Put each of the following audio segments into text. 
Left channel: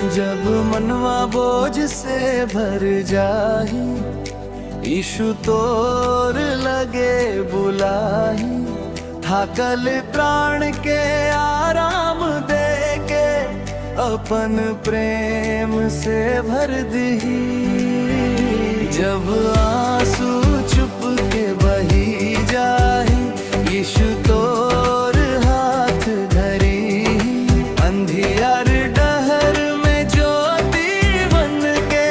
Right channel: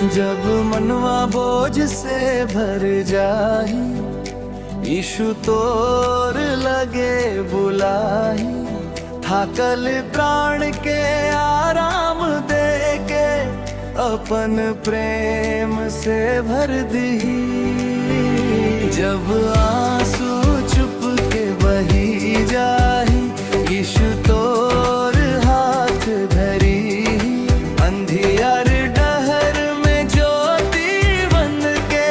जब मनवा बोझ से भर जाही, यीशु तोर लगे बुलाही। थाकल प्राण के आराम दे के, अपन प्रेम से भर दही। जब आंसू चुप के बही जाही, यीशु तोर हाथ धरी। अंधियार डहर में ज्योति बन के,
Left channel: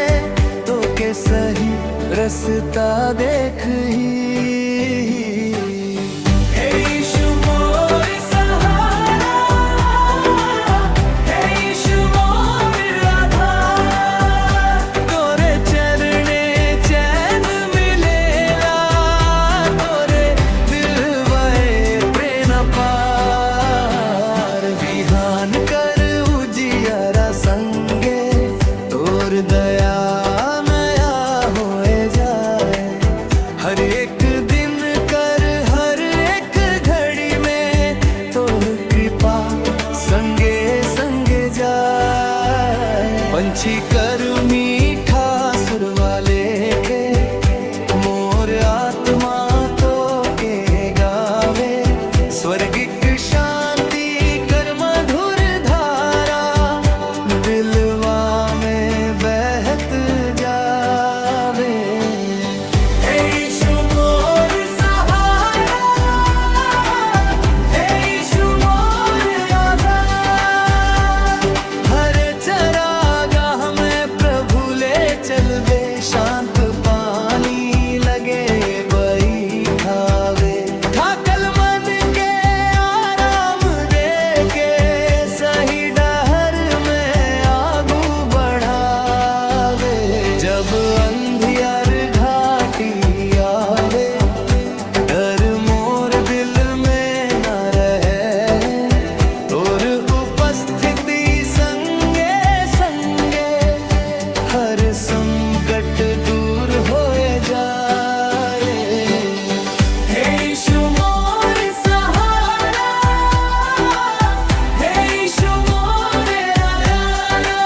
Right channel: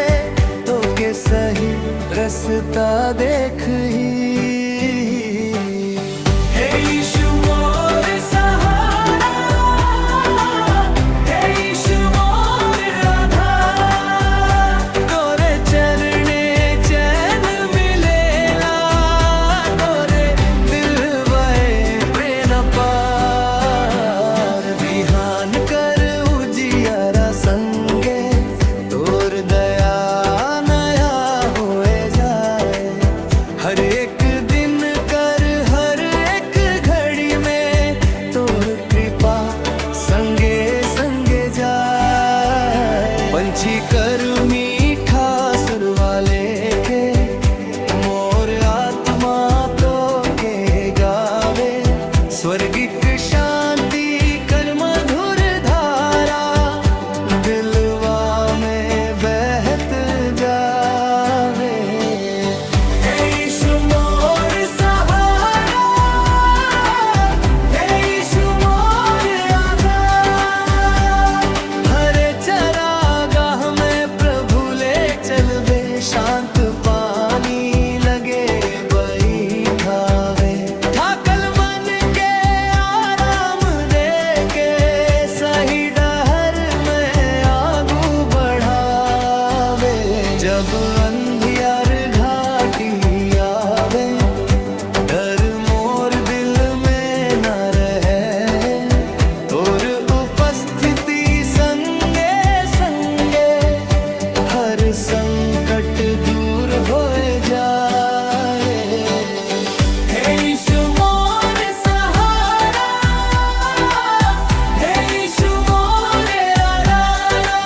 तो के सही रास्ता देख ही। बिहान कर उजियारा संगे, तोर दया नया होए जाए। हर एक दिन कर हर एक घड़ी में, तोर कृपा संगे संगे जाए। पंछी कर मीठा सुर वाले के, मोर आत्मा तो के गावे। स्वर्गिक शांति कर मधुर धारा, दिलवा में बहत जावे। हे यीशु मोर सहारा, हे यीशु मोर आधार। हरे चरागाह में प्रभु ले चलवे, शांत पानी लगे बैठावे। थाकल मन के आराम दे के, सही डहर में आगू बढ़ावे। जब अंधियार घाटी आवे, डर मोर दिल में न रहे। तोर उपस्थिति संगे संगे, हर संकट दूर होए जाए। हे यीशु मोर सहारा, हे यीशु मोर आधारा।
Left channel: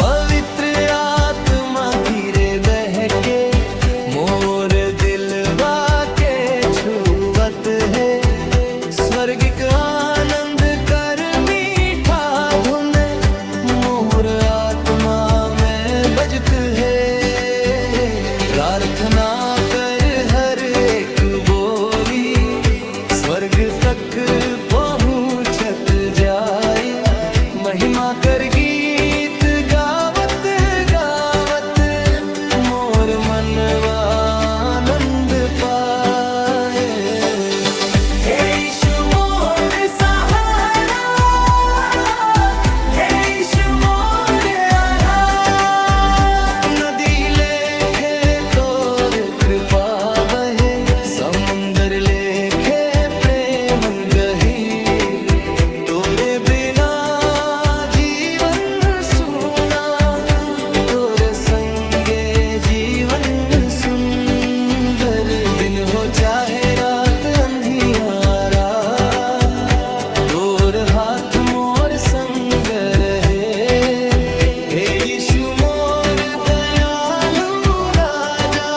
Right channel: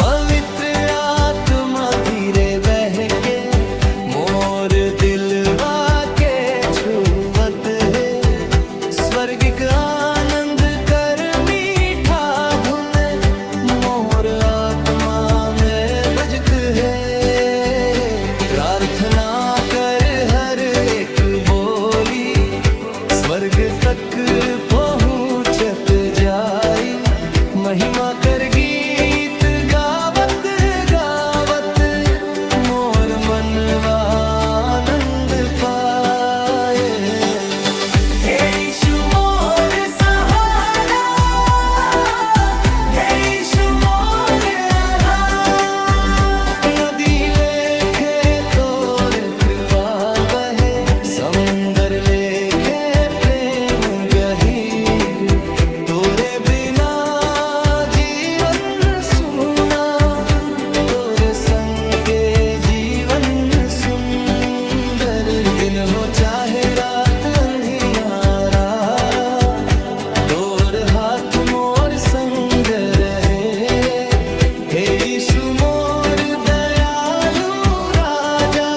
पवित्र आत्मा धीरे बह के, मोर दिलवा के छुवत है। स्वर्गिक आनंद कर मीठा धुन, मोर आत्मा में बजत है। प्रार्थना कर हर एक बोली, स्वर्ग तक पहुँचत जाई। महिमा कर गीत गावत गावत, मोर मनवा आनंद पाए। हे यीशु मोर सहारा, हे यीशु मोर आधार। नदी लेखे तोर कृपा बहे, समुंदर लेखे प्रेम गहीर। तोरे बिना जीवन सुना, तोरे संगे जीवन सुंदर। दिन हो चाहे रात अंधियारा, तोर हाथ मोर संग रहे। हे यीशु मोर दयालु राजा,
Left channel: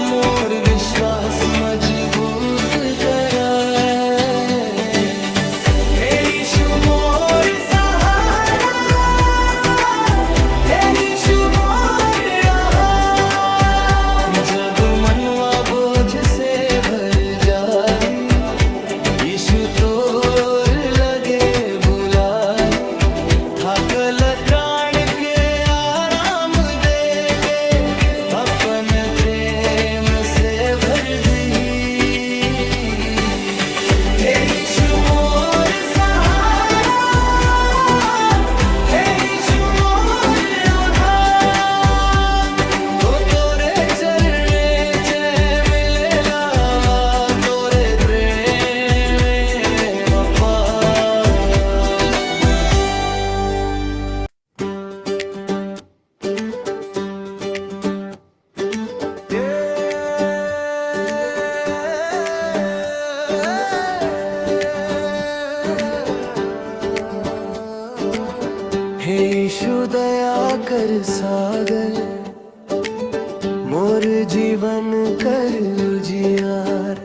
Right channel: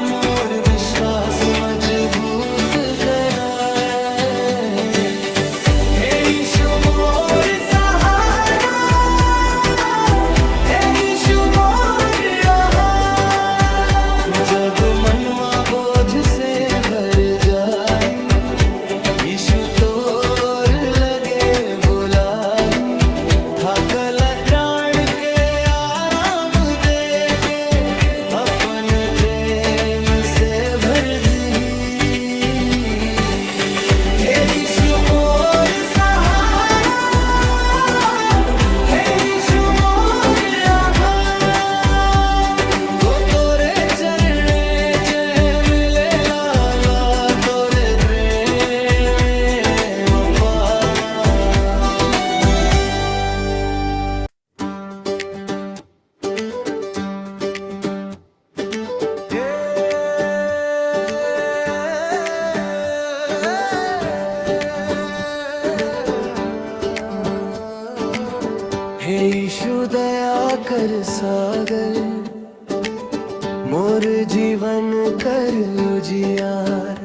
मोर विश्वास मजबूत कराए। हे यीशु मोर सहारा, हे यीशु मोर आधार। जब मनवा बोझ से भर जाही, यीशु तोर लगे बुलाही। थाकल प्राण के आराम दे के, अपन प्रेम से भर दही। हे यीशु मोर सहारा, हे यीशु मोर आधार। तो तोरे चरणे चैन मिले लाला, तोरे प्रेम अपार। हे यीशु दया कर सागर, मोर जीवन कर उजियार।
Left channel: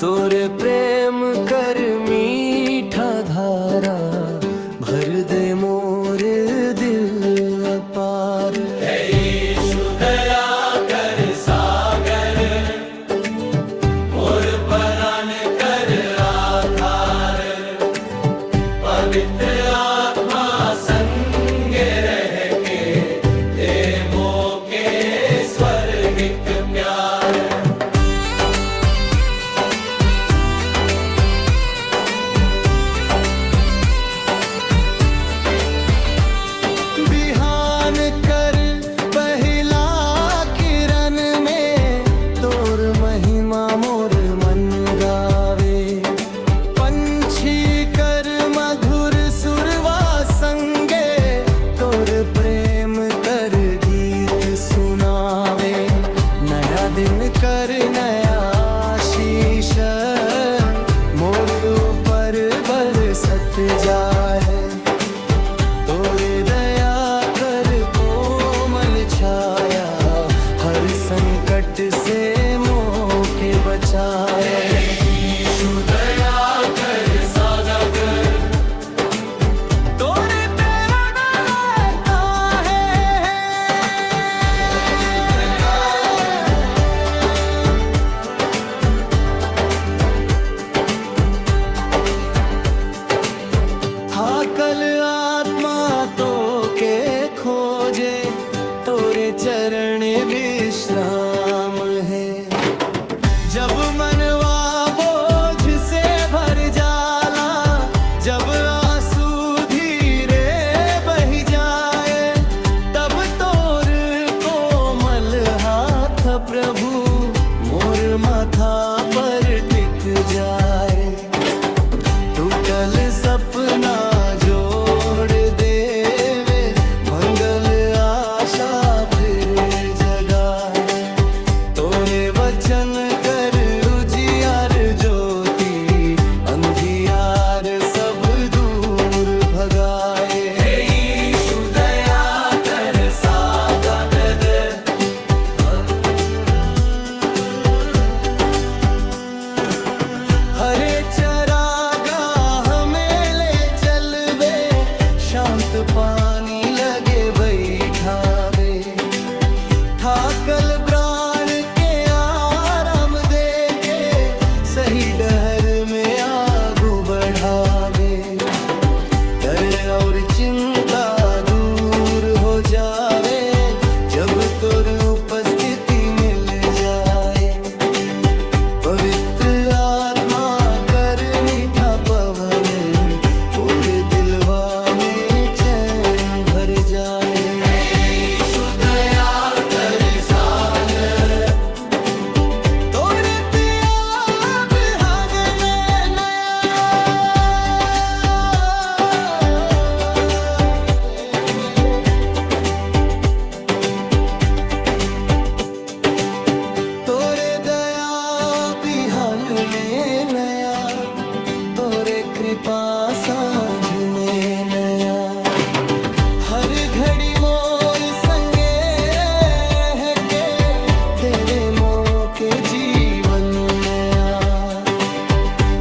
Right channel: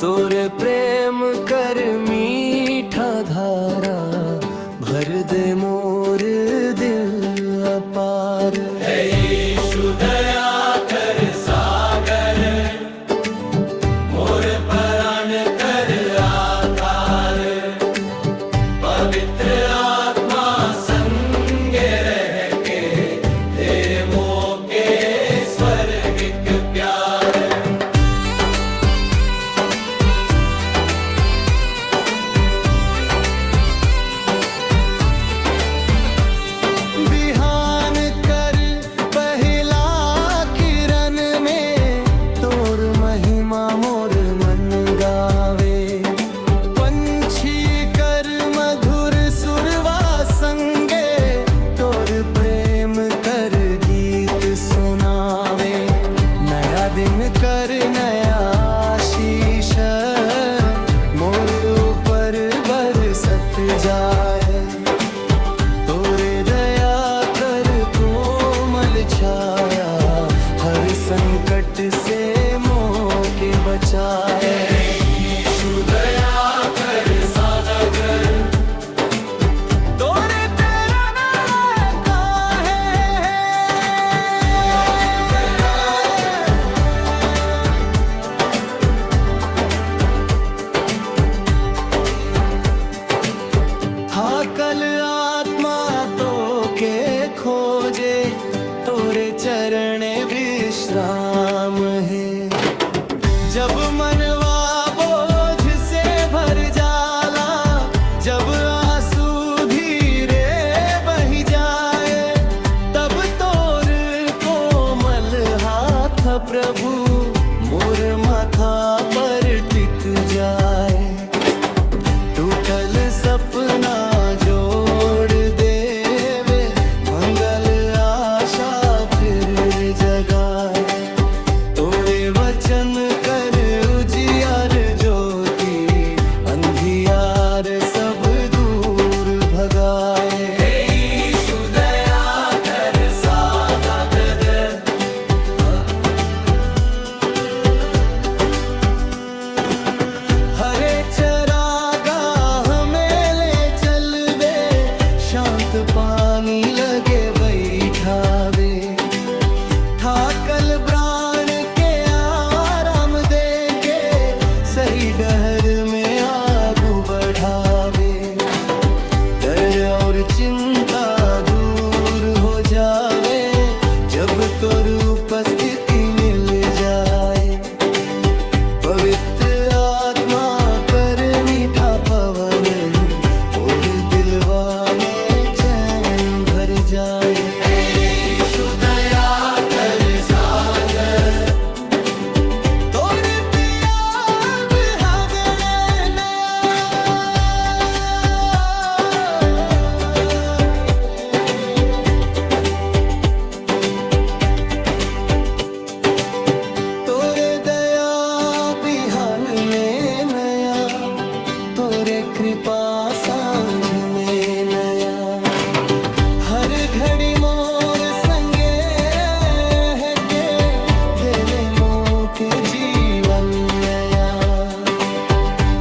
तोरे प्रेम कर मीठा धारा, भर दे मोर दिल अपार। हे यीशु दया कर सागर, मोर प्राण कर आधार। पवित्र आत्मा संग रह के दे मोके स्वर्गिक प्यार। बिहान कर पहला किरण में, तोर महिमा मोर मन गावे। पंछी कर मधुर सुरवा संगे, तोर प्रेम कर गीत सुनावे। नया दिन कर नया आशीष, मोर ऊपर बरसत जाए। तोरे दया कर कोमल छाया, हर संकट से मोके बचाए। तोरे तेरा नाम काहे है, हाकल आत्मा तो के खोजे, तोरे चरण विश्राम है। जब मनवा बोझ से भर जाला, जब आंसू धीरे बही जाए, तब तोर कोमल हाथ प्रभु मोर माथा पर टिक जाए। टूटल सपना जोड़ देवे, मंगल आशा फिर जगाए। तोरे वचन कर उजियार ज्योति, अंधियार सब दूर भगाए। हरे चरागाह में ले चलबे, शांत पानी लगे बैठावे। थाकल प्राण के आराम दे के, सही डहर में आगू बढ़ावे। डर और चिंता दूर हो जावे, जब तोर उपस्थिति मिल जाए। पवित्र आत्मा कर मीठा पवन, और दिलवा में चैन भर जाए। तोरे त्याग हगले नया, तोरे दया बिहान में नया, तोरे कृपा सांझ में नया। हर घड़ी मोर संगे रह के, देवे मोके जीवन नया।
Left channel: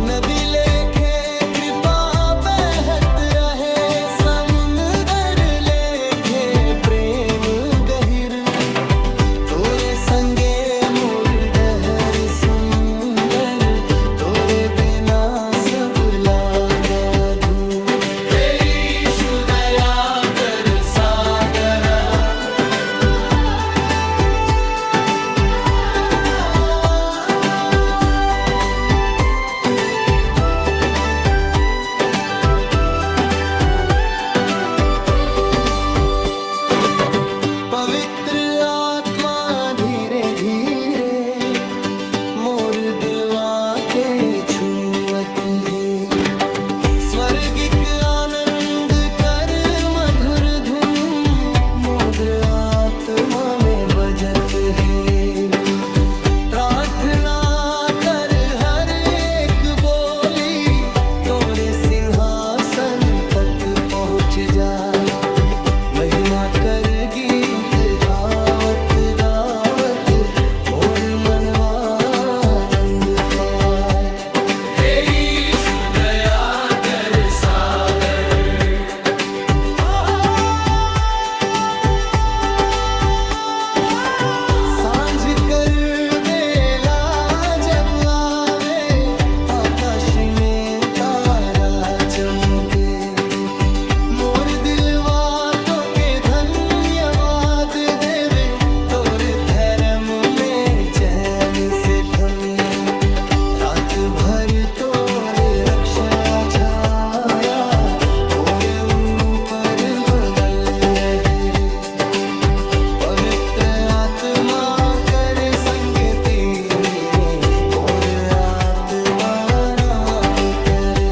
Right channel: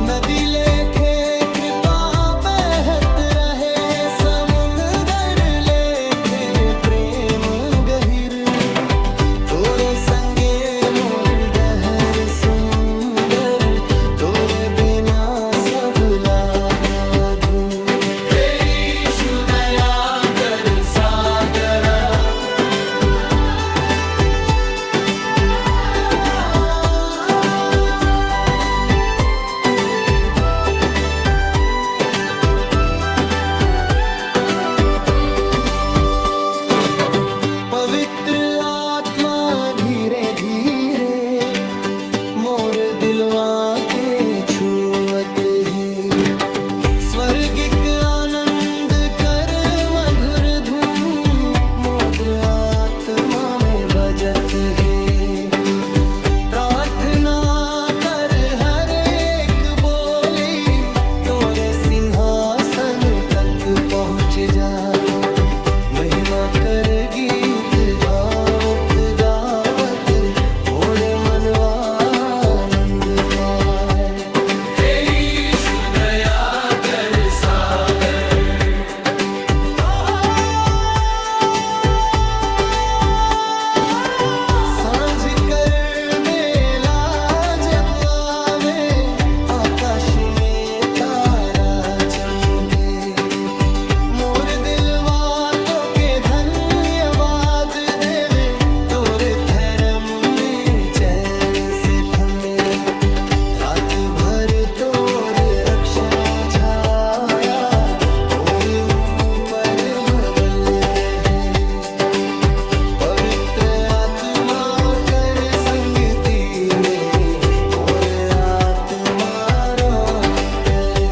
नदी लेखे कृपा बहत रहे, समुंदर लेखे प्रेम गहिर। तोरे संगे मोर डहर सुंदर, तोरे बिना सब लागा धूर। पवित्र आत्मा धीरे धीरे मोर दिलवा के छुअत है। स्वर्गिक आनंद कर मधुर धुन, मोर आत्मा में बजत है। प्रार्थना कर हर एक बोली, तोरे सिंहासन तक पहुँच जाए। महिमा कर गीत गावत गावत मोर मनवा आनंद पाए। सांझ कर बेला जब आवे, आकाश में तारा चमके, मोर दिलवा तो के धन्यवाद देवे, तोरे धर्म में चैन से थमे। रात भर तोर रक्षा छाया, मोर ऊपर बबल रहे। पवित्र आत्मा कर संगति में, मोर आत्मा राम करे।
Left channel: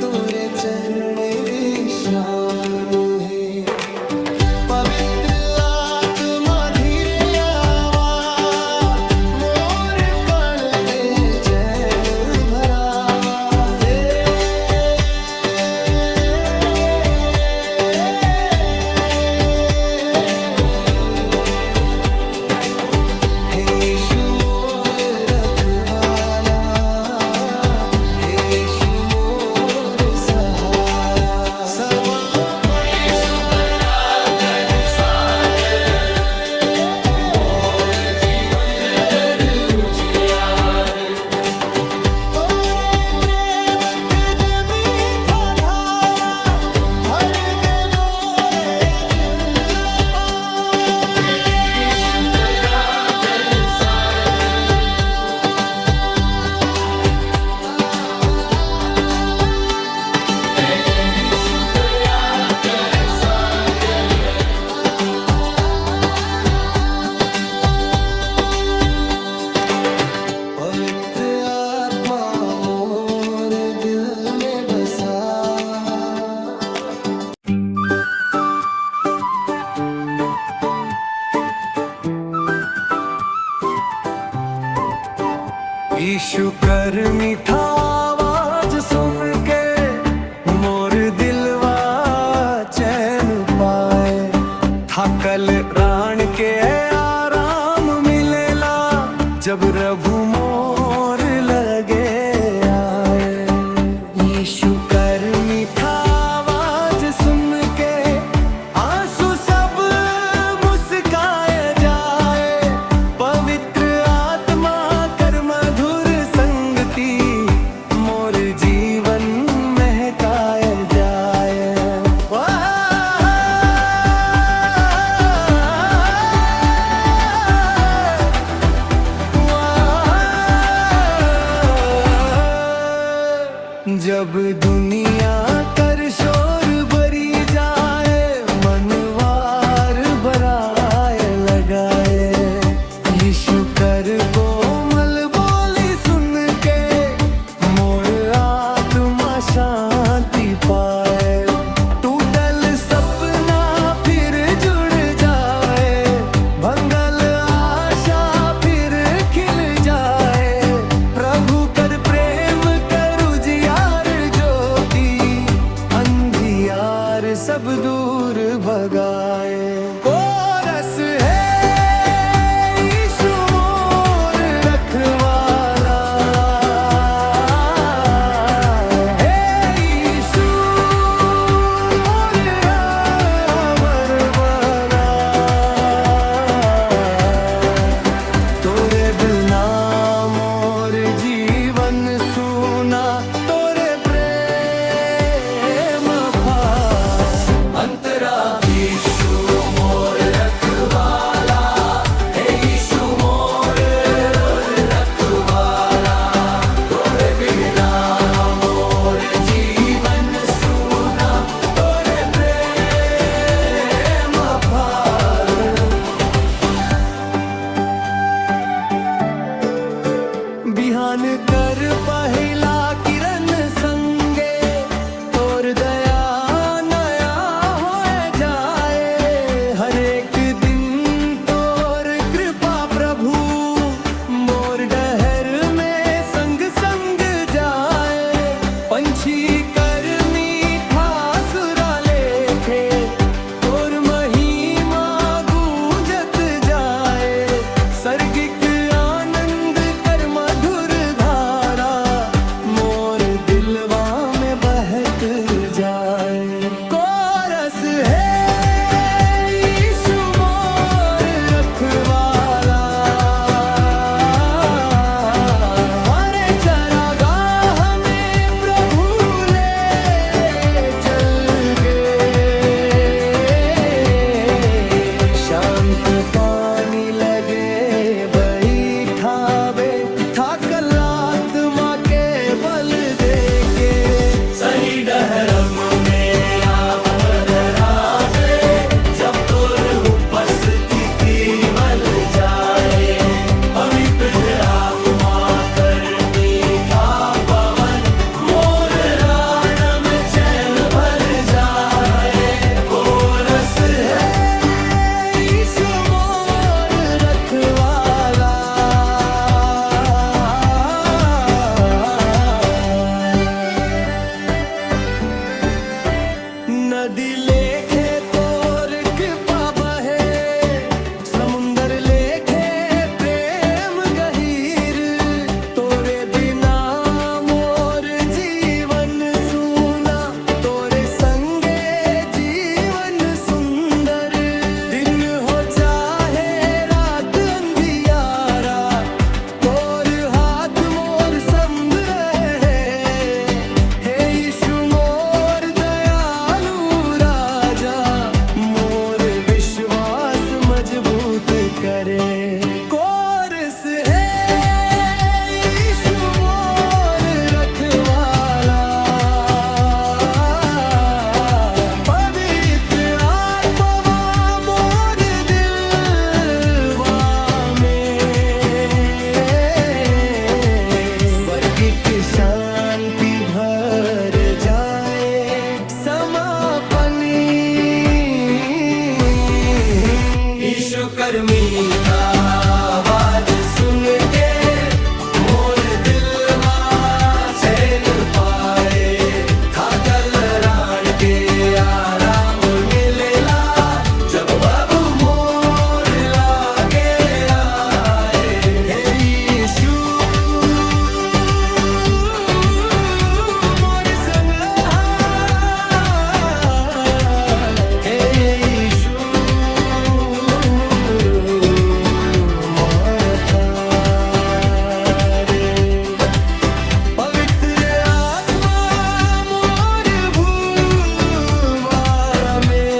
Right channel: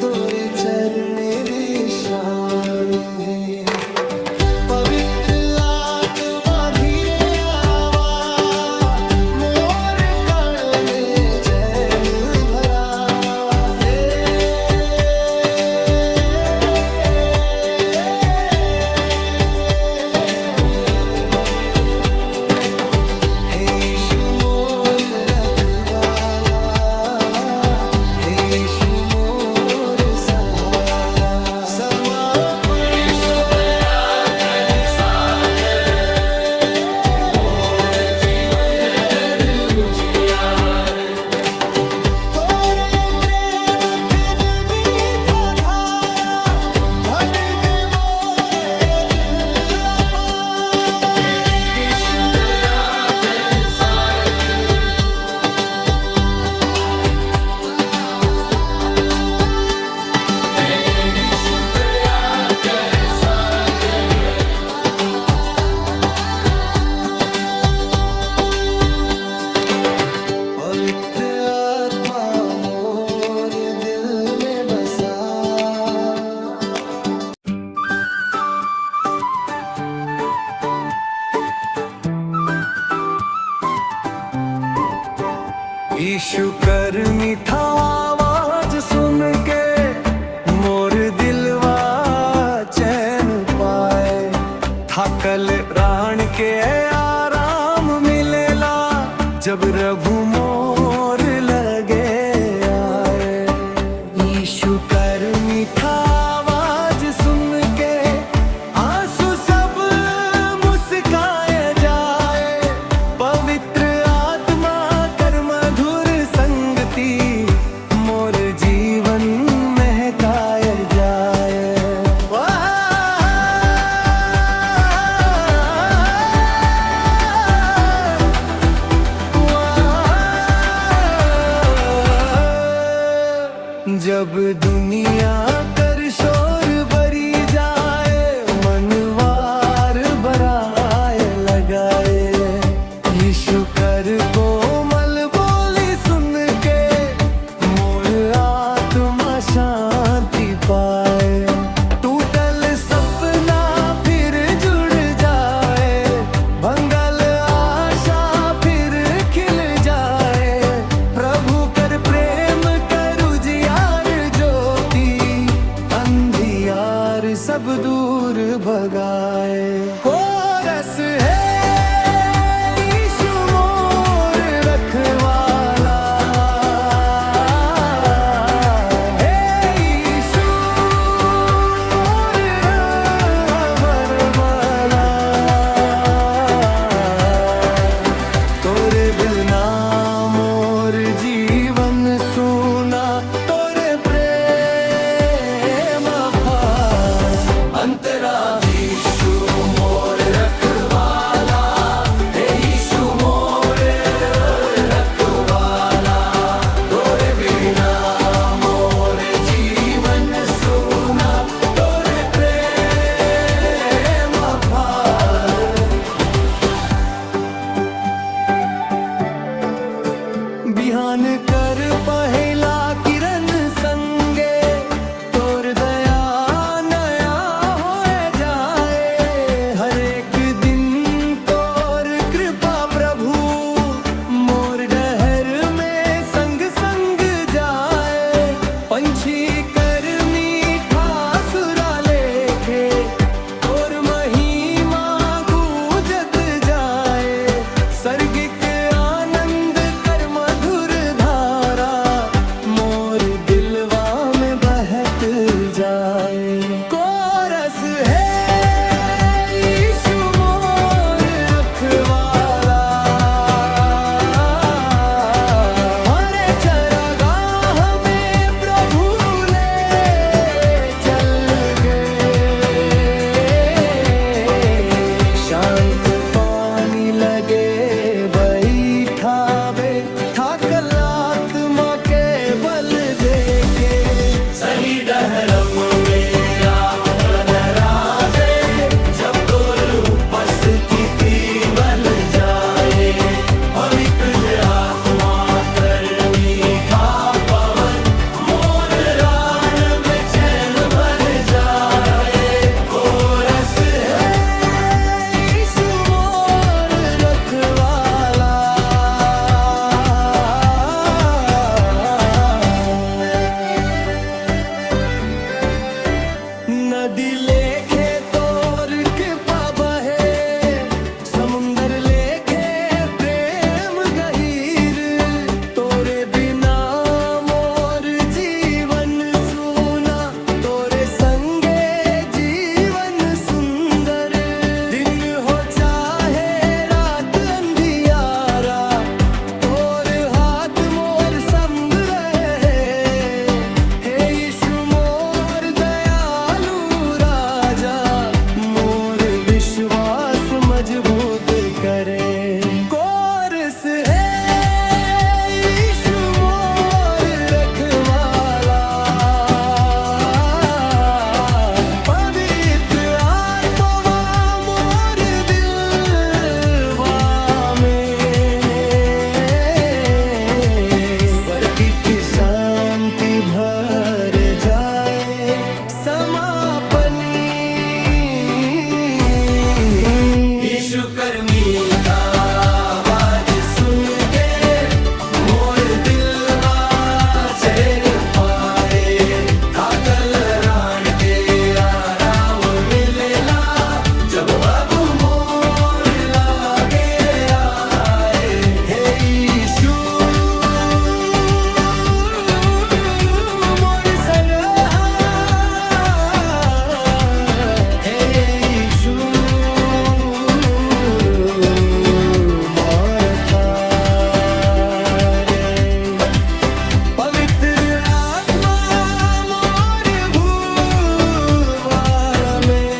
तोरे चरण विश्राम है। पवित्र आत्मा धीरे आवा, मोर कण में चैन भरावा। हे यीशु मोर रखवाला, हे यीशु मोर सहारा। समापन तोरे प्रेम तिद मीठा धारा, भर दे मोरे दिल अपार। पवित्र आत्मा मोर दिल में बसा। यीशु कर मीठा आवाज सुन के, मोर दिलवा चैन पाए। थकल रान के आराम मिलेला, जब प्रभु मोर लगे आए। यीशु कर मीठा आवाज सुन के, आंसू सब मुस्काए जाए। पवित्र आत्मा कर मधुर संगति, मोर जीवन महकाए जाए। जब दुनिया कर शोर भरी जाए, मनवार बराए लगाए। यीशु कर कोमल बोली सुन के, मोर आत्मा शांति पाए। टूटल सपना फिर जुड़ जाए, भंगल आशा फिर खिल जाए। प्रभु कर प्रेम कर उजियार ज्योति, अंधियार सब दूर भगाए। कोरस है यीशु मोर रखवाला, हे यीशु मोर रावर वाला। तोरे बिना मोर जीवन सूना, तोरे प्रेम अंतरा। यीशु मोर कर मीठा सुरा लेखे तोर महिमा गूंजत जाए सर्गिक आनंद कर मधुर धारा मोर दिलवा में बहत जाए कोरस है यीशु मोर रखवाला हरे चरागाह में प्रभु ले चल गए शांत पानी लगे बैठावे थाकल आत्मा के बल दे के सही डहरम में आप धरावे जब तोर उपस्थिति बल जाए पवित्र आत्मा कर मीठा पवन मोर रान में चैन भर जाए कोरस है यीशु मोर रखवाला नदी लेखे तोर कृपा बहे समुंदर लेखे प्रेम गहीर तोरे बिना मोर जीवन सूना तोरे संगे जीवन सुंदर दिन हो चाहे रात अंधियारा तोर हाथ मोर संग रहे हे यीशु मोर दयालु राजा मोर विश्वास मजबूत करे कोरस है यीशु मोर रखवाला पवित्र आत्मा मोर दिलवा में स्वर्गिक शांति भर जाए समापनी यीशु कर मीठा आवाज सुन के मोर दिलवा चैन पाए थाकल रान के आराम मिलेला जब बाबू मोर लागे आए हे यीशु मोर संग हे यीशु मोर पारे पवित्र आत्मा मोर भूवार में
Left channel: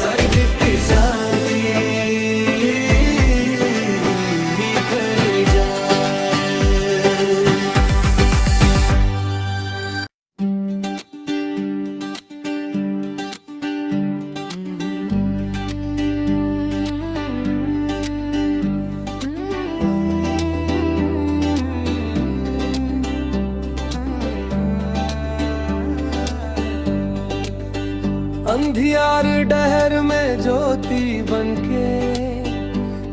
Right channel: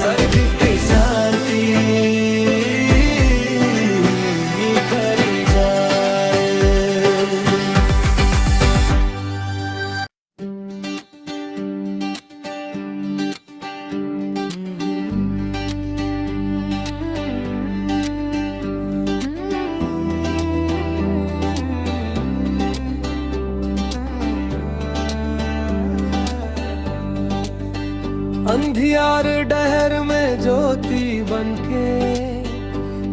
स्वर्गिक शांति निखर जाए अंधियार डहर में ज्योति बनके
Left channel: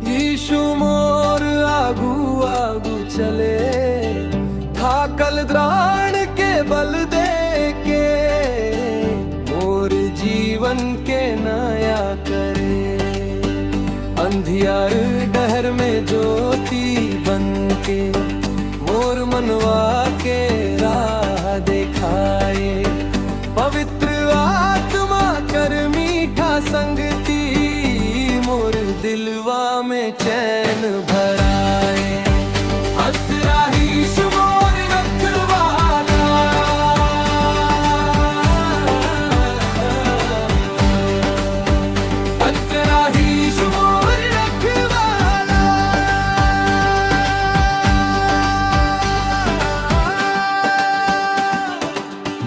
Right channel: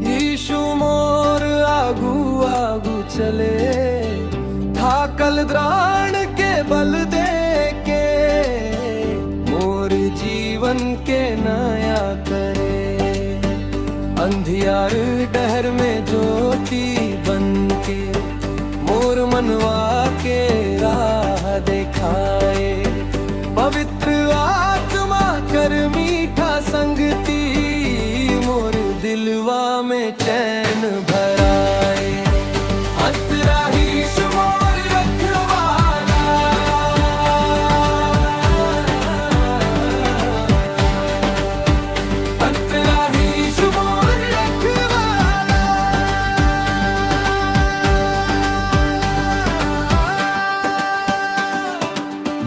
यीशु मोर आगू आगू चले थाकल द्राण के बल दे के मोर जीवन के नया करे अंधियार डहर में ज्योति बनके मोर मनवा के राह दिखाए पवित्र आत्मा कर मीठा संगती मोर दिलवा में चैन भराए अतरा यीशु मोर रखवाला अतरा यीशु मोर रखवाला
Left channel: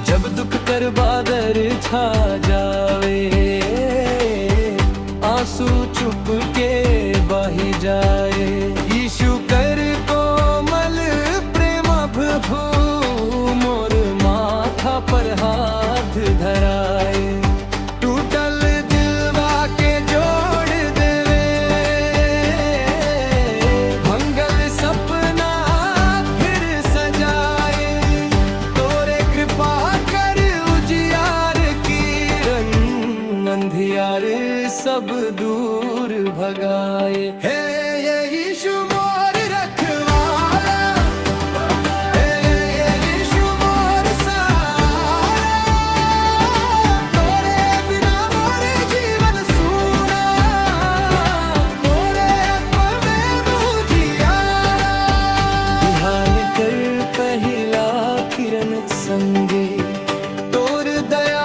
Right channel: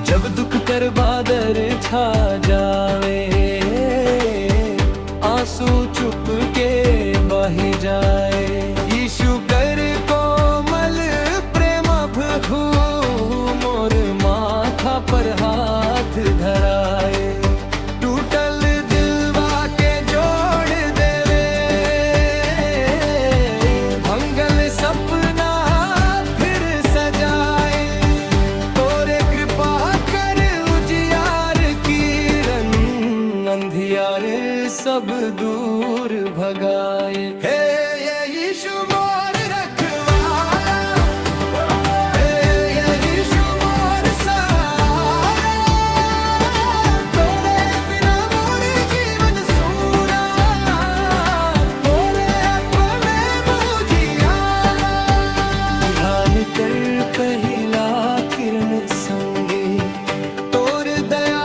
जब दुख कर बादर छा जावे आंसू चुप के बही जाए यीशु कर कोमल प्रेम भू मोर माथा पर हाथ धराए टूटल दिलवा के जोड़ देवे भंगल सपना फिर सजा सब दूर भगाए। हे ये यीशु मोर रखवाला, हे ये यीशु मोर सहारा, तोरे बिना मोर जीवन सूना, तोरे आत्मा में मुझियारा। ध्यान कर पहला किरण संगे, तोर दया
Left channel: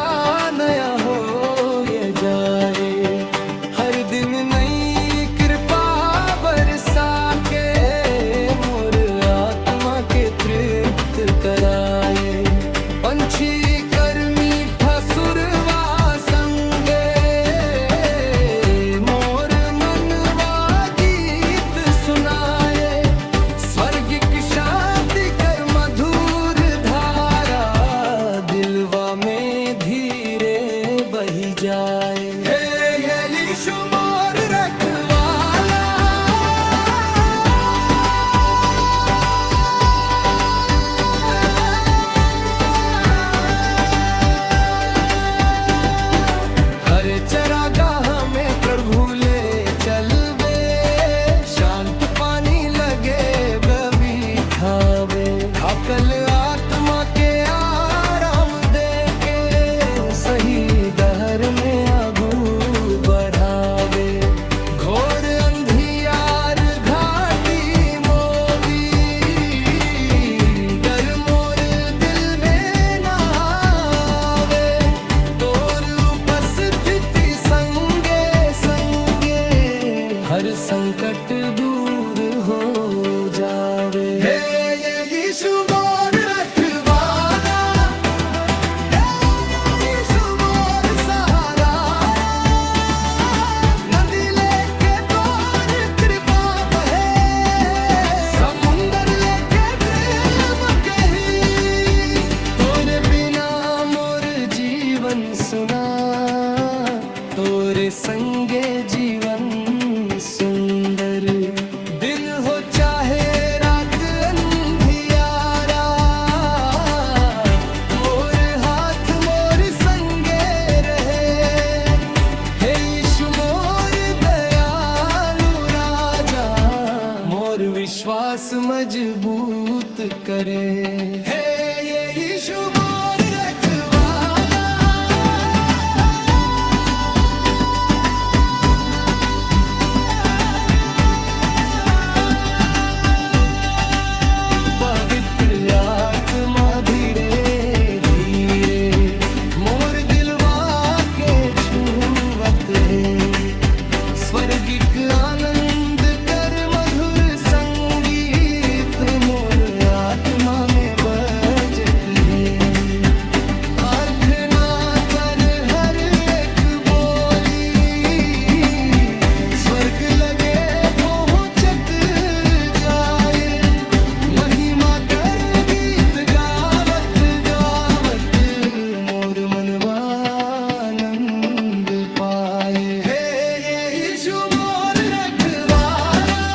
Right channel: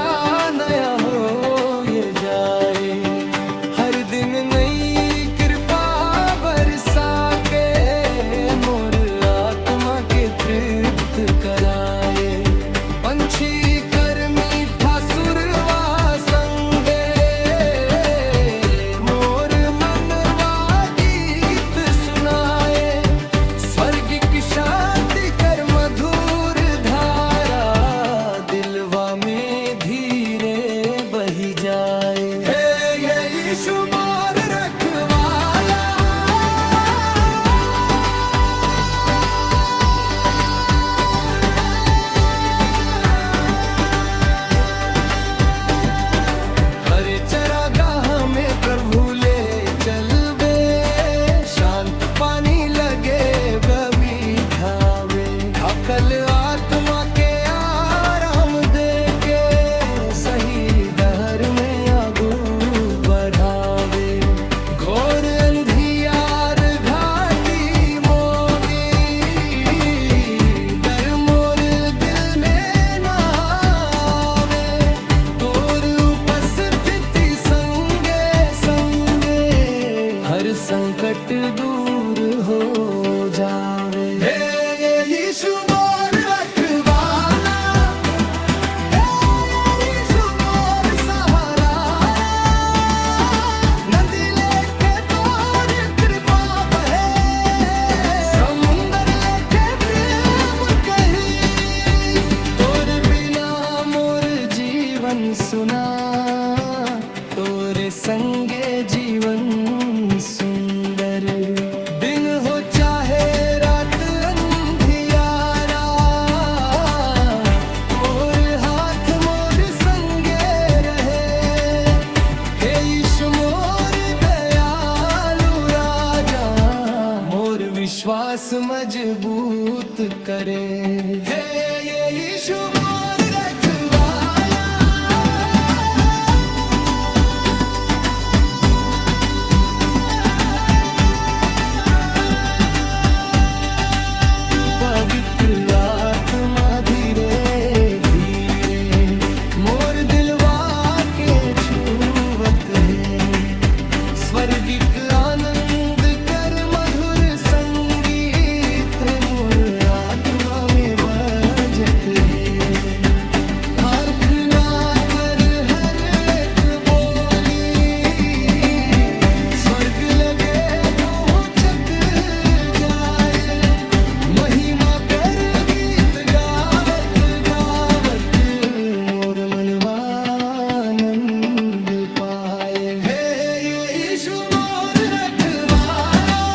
नया हो ये जाए। हर दिन नई कृपा बरसा के, मोर आत्मा के तृप्त कराए। पंछी कर मीठा सुरवा संगे, मोर मनवा गीत सुनाए। स्वर्गिक शांति कर मधुर धारा, दिलवा में धीरे बही जाए। हे ये यीशु मोर रखवाला, हरे चरागाह में प्रभु ले चलबे, शांत पानी लगे बिठावे। थाकल आत्मा के आराम दे के, सही दहर में आगू बढ़ावे। घोर अंधियार घाटी मोवी, डर मोर दिल में ना आवे। तोर उपस्थिति संगे संगे, हर संकट दूर हो जावे। हे ये यीशु मोर रखवाला, हे ये यीशु मोर सहारा, नदी लेके तोर कृपा बहे, समुंदर लेके प्रेम कही। तोर बिना मोर जीवन सुना, तोरे संगे जीवन सुंदर। दिन हो चाहे रात अंधियारा, तोर हाथ मोर संगे रहे। हे यीशु मोर दयालु राजा, मोर विश्वास मजबूत करे। हे ये यीशु मोर रखवाला, पवित्र आत्मा धीरे धीरे मोर दिलवा के छूवत है। स्वर्गिक आनंद कर मधुर संगीत, मोर आत्मा में बजत है। प्रार्थना कर हर एक बोली, स्वर्ग लगे पहुंचत जाए। महिमा कर गीत गावत गावत, मोर मनवा आनंद पाए। हे ये यीशु मोर रखवाला,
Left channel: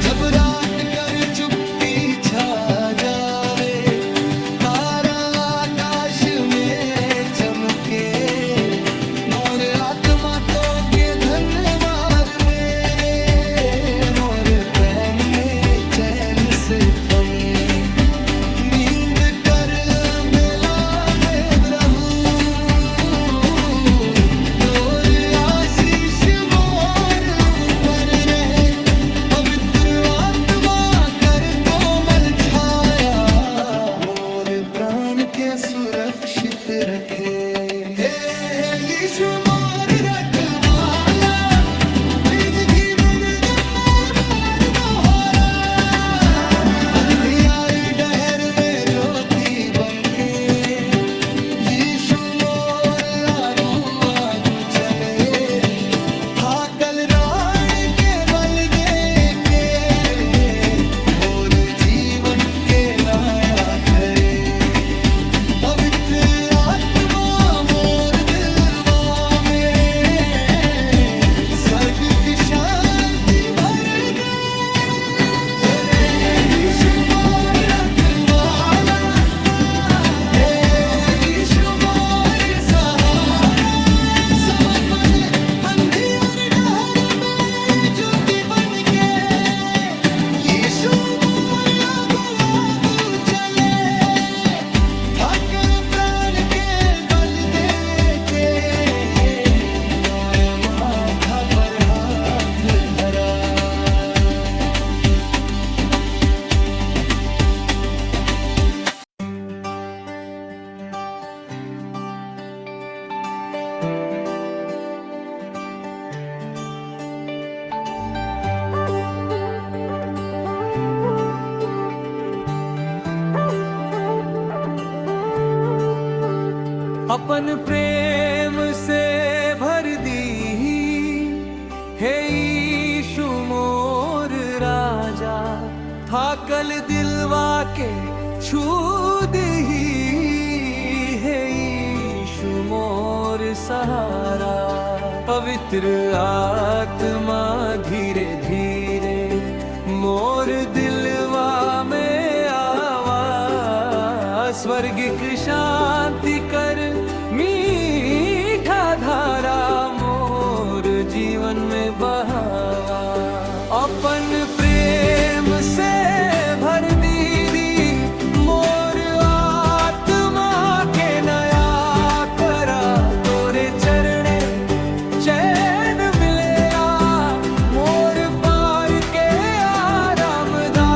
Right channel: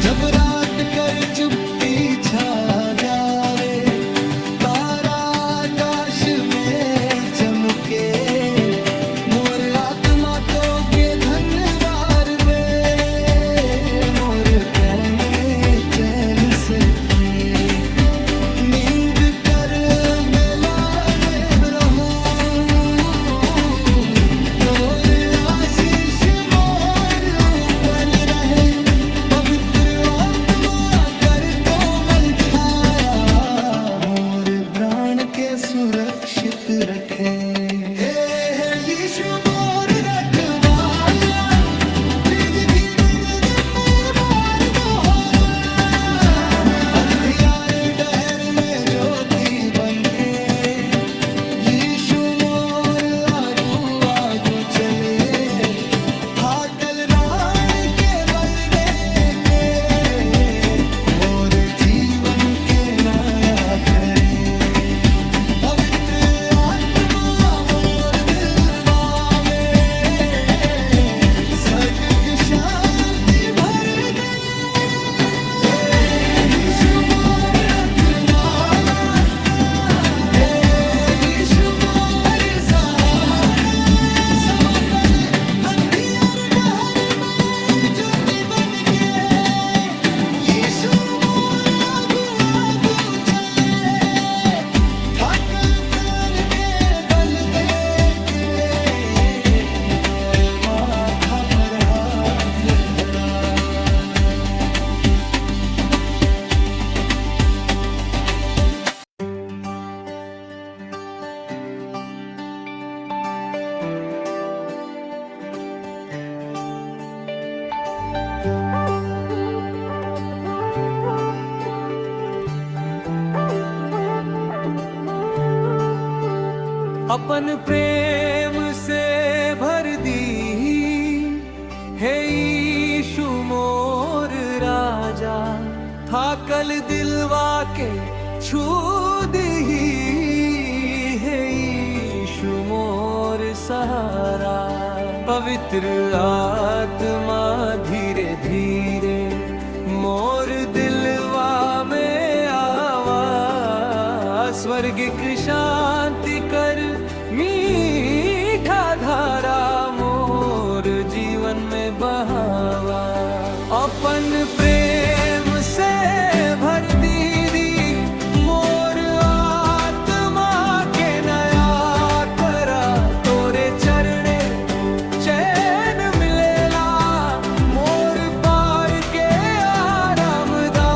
जब रात कर चुप्पी छा जावे, तारा आकाश में चमके। मोर आत्मा तो के धन्यवाद बेरे, मोर प्रेम में चैन से थमे। नींद कर बेला में रहूं, और आशीष मोर ऊपर रहे। पवित्र आत्मा कर कोमल छाया, मोर प्राण के सुरक्षित रखे। हे यीशु मोर रखवाला, बीज की बिन बार दोहरा। अंधियार डहर में ज्योति बनके, यीशु मोर आगू आगू चले। थाकल राण के बल दे के रे, मोर जीवन के नाया करे। पवित्र आत्मा मोर दिलवा अपन प्रेम से भर दी हे यीशु मोर राजा, थाकल दिलवा के छू दी हे यीशु मोर सहारा। पवित्र आत्मा धीरे धीरे मोर दिलवा में आवा, स्वर्गिक शांति कर मीठा धारा मोर जीवन में बहावा। अपन प्रेम से भर दी मोर आत्मा के नया करा, तोरे चरणे चैन मिलेला मोर पार के आरामदा।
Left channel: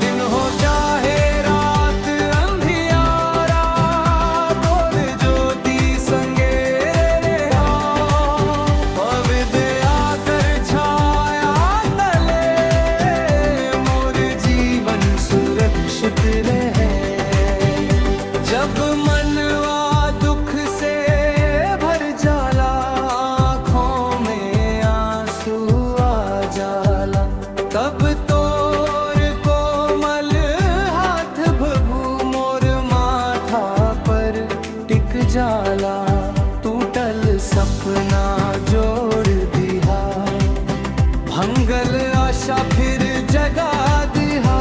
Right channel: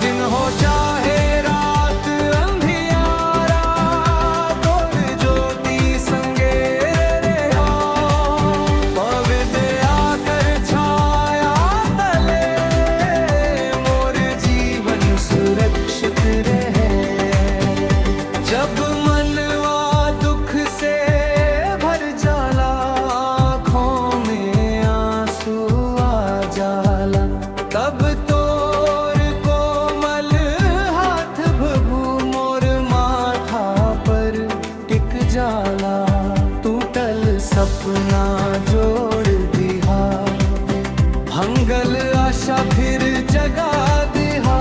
दिन हो चाहे रात अंधियारा, तोर ज्योति संगे रहा। पवित्र आकर छाया तले मोर जीवन सुरक्षित रहे। जब मनवा दुख से भर जाला, आँखों में आंसू आ जाला, तब तोर कोमल हाथ भभू मोर माथा पर टिक जाला। टूटल सपना जोड़ दिहा, भंगल आशा फिर जगा दिहा।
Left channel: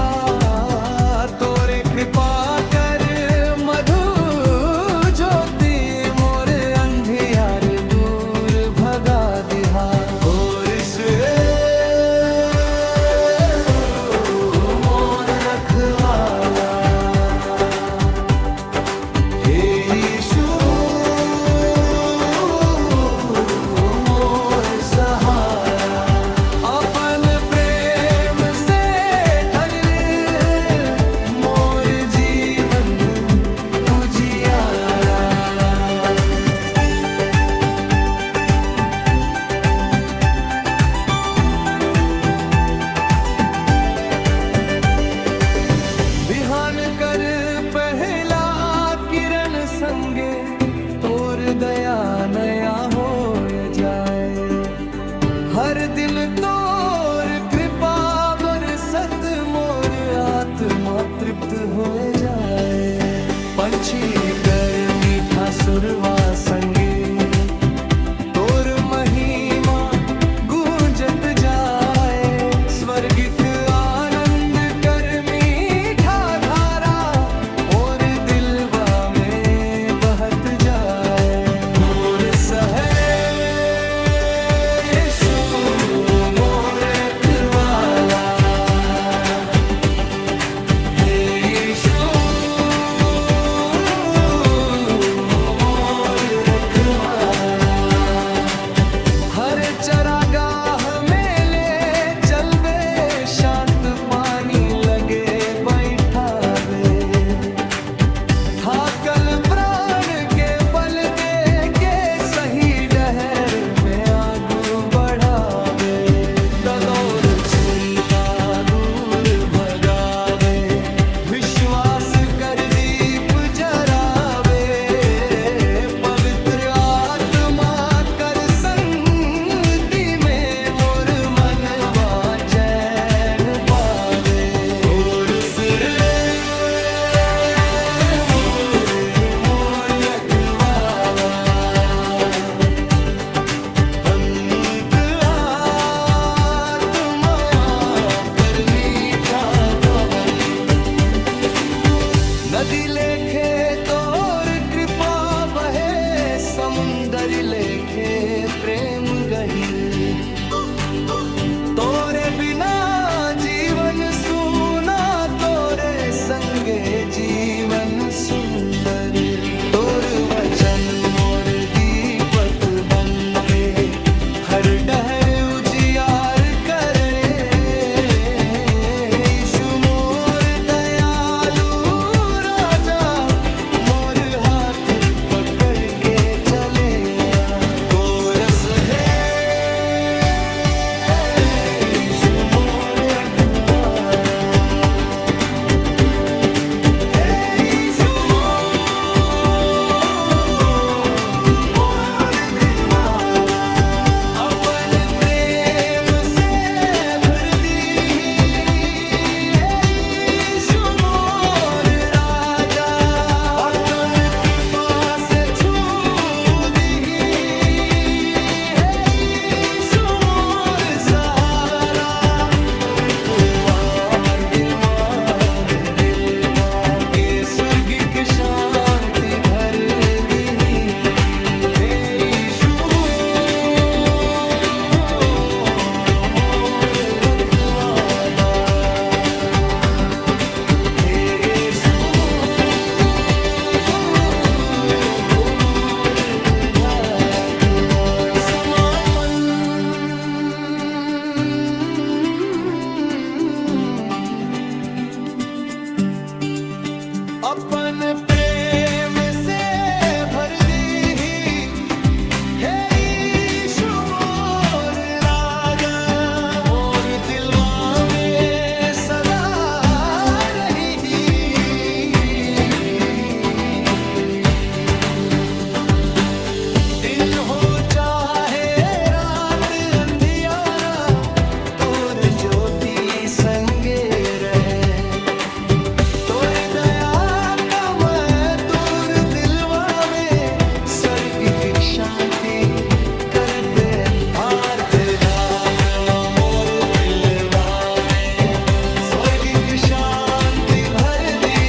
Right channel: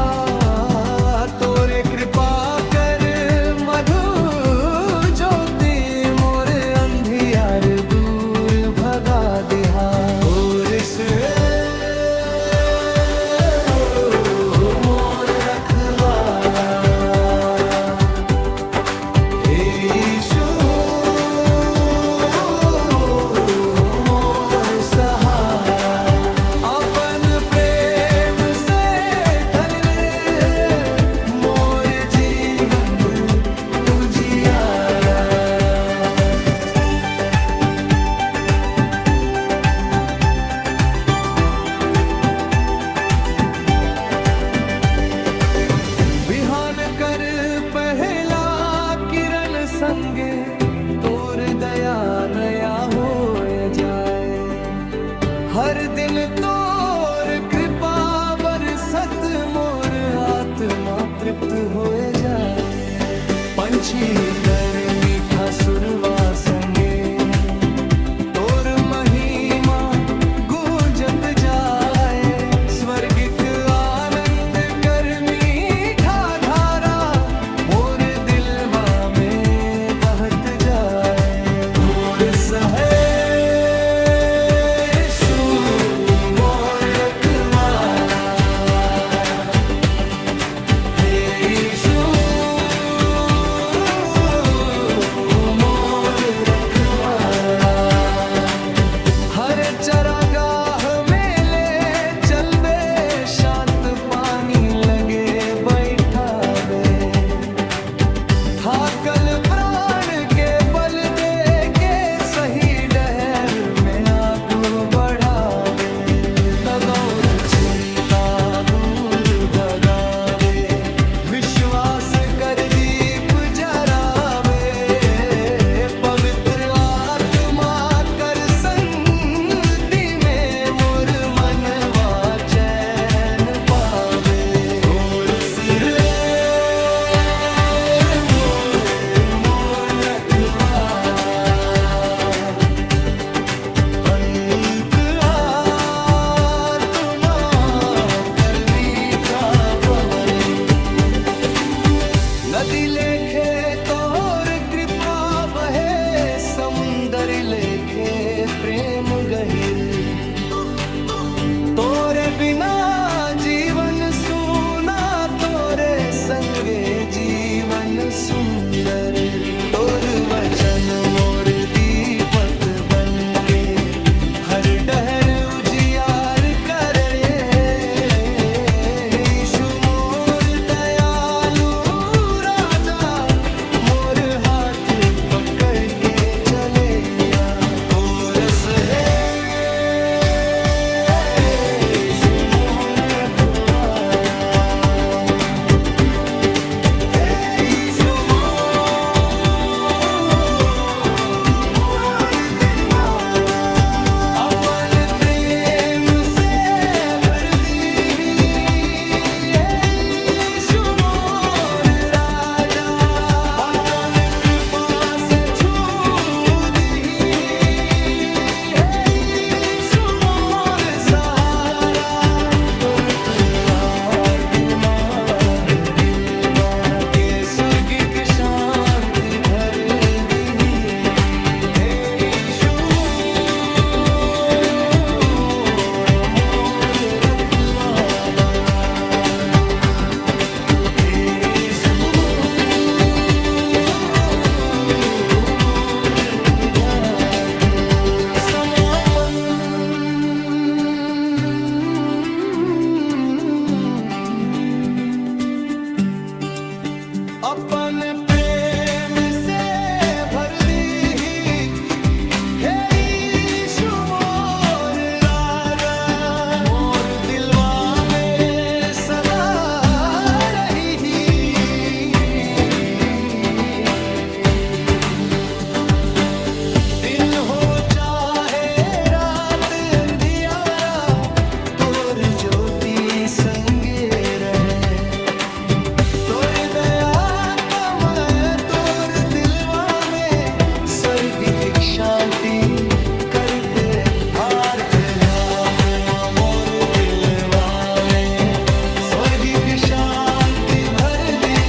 तोरे कृपा कर मधु ज्योति मोर अंधियार दूर भगा दिहा। और से मोर रखवाला हे यीशु मोर सहारा। अपन प्रेम से तल मोर जीवन उजियारा। बिहान कर पहला किरण संगे, तोर दया नया हो जाए। हर दिन तोर कृपा बरसत मोर आत्मा तृप्त हो जाए। पंछी कर मीठा सुरवा संगे, तोर महिमा गूंजत जाए। स्वर्गिक आनंद कर मीठा धारा मोर दिलवा में बहत जाए। मोर सहे यीशु मोर रखवाला हे यीशु मोर रखवाला। हर चरागाह में ले चलबे, शांत पानी लगे बैठावे। थाकल प्राण के बल दे के सही डहर में आगू बढ़ावे। तदौर चिंता दूर भगावे, विश्वास कर दीप जरावे। पवित्र आत्मा कर संगति में मोर मनवा चैन पावे। और सिर मोर रखवाला, पंत आत्मा कर मीठा पवन। नदी लेखे तोर कृपा बहे, समुंदर लेखे प्रेम गहिर। तोरे बिना जीवन सूना, तोरे संगे जीवन सुंदर। तोर वचन मोर दीपक बनके हर डहर उजियार करे। यीशु मोर दयालु राजा, मोर हाथ पकड़ के चले। कोरस है यीशु मोर रखवाला हे यीशु मोर संगे रहे। तोर दया तमय तोर दिलवा में स्वर्गिक शांति करते आर्थ आत्मा मोर दिलवा में स्वर्गिक शांति भर दी।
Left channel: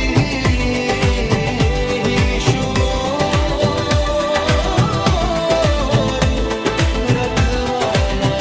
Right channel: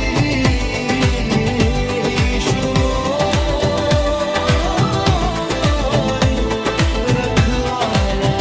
यीशु मोर रखवाला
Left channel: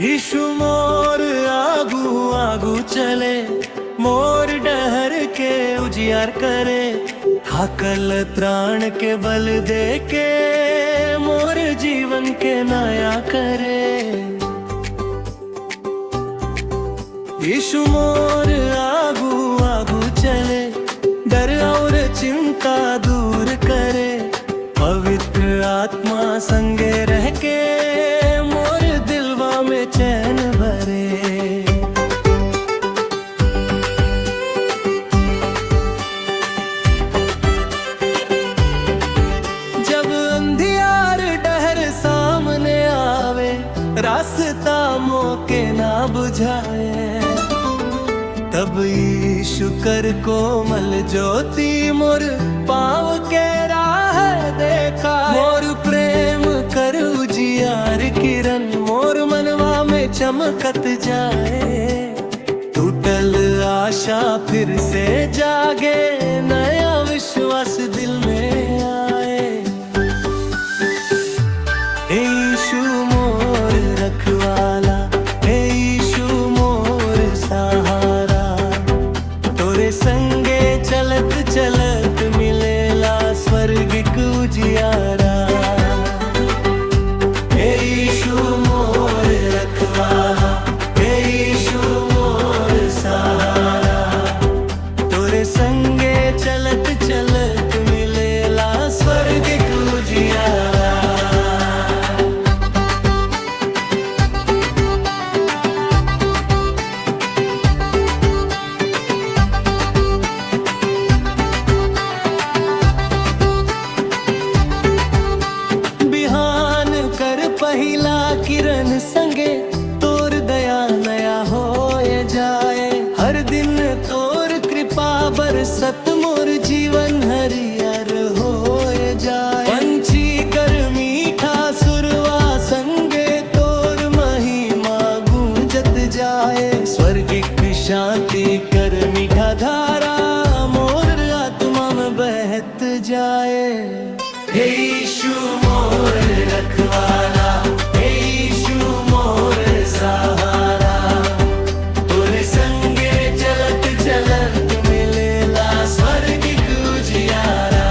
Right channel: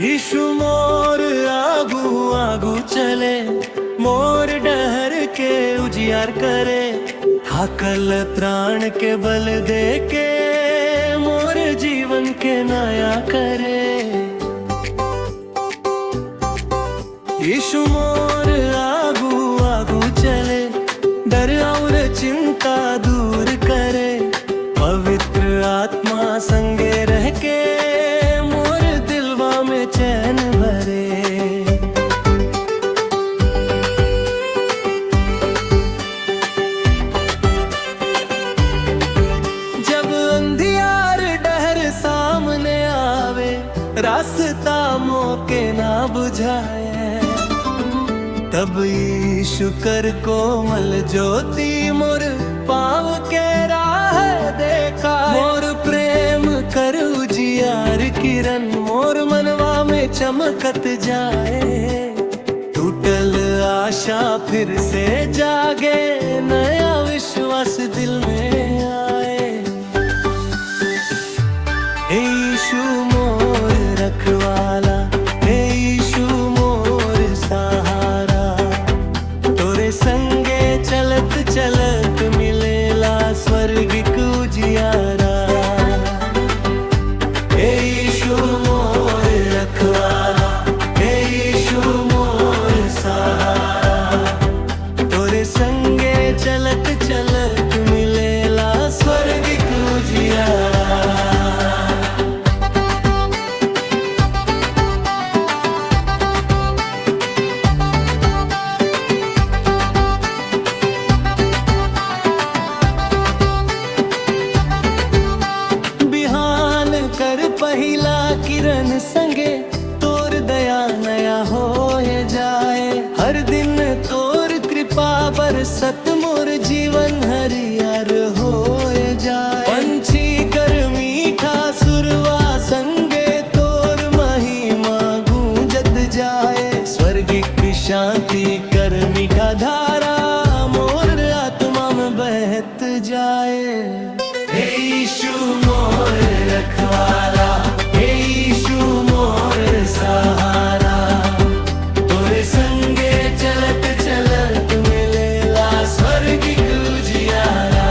यीशु मोर आगू आगू चले, मोर डहर के उजियार करे। थाकल प्राण के बल दे के मोर जीवन के नया करे। यीशु मोर आगू आगू चले, डर और चिंता दूर करे। पवित्र आत्मा संगे रह के मोर दिलवा में चैन भरे। जब अंधियार डहर सामने आवे, रास्ता मोके ना बुझाए। तब यीशु कर कोमल ज्योति मोर पाँव के राह देखा। मोर प्रेम कर उजियार किरण मोर मनवा में चमकत जाए। टूटल आशा फिर से जागे, नया विश्वास दिल में आए। यीशु मोर रखवाला, यीशु मोर सहारा। तोरे संगे चलत चलत मिलेला स्वर्गिक उजियारा। यीशु मोर रखवाला, यीशु मोर सहारा। तोरे संगे चलत चलत मिलेला स्वर्गिक उजियारा। कर पहिला किरण संगे तोर दया नया होए जाए। हर दिन तोर कृपा बरसत मोर जीवन हरियर होए जाए। पंछी कर मीठा सुरवा संगे तोर महिमा गूंजत जाए। स्वर्गिक शांति कर मीठा धारा मोर आत्मा में बहत जाए। हे यीशु मोर रखवाला, हे यीशु मोर सहारा। तोरे संगे चलत चलत मिलेला स्वर्गिक उजियारा।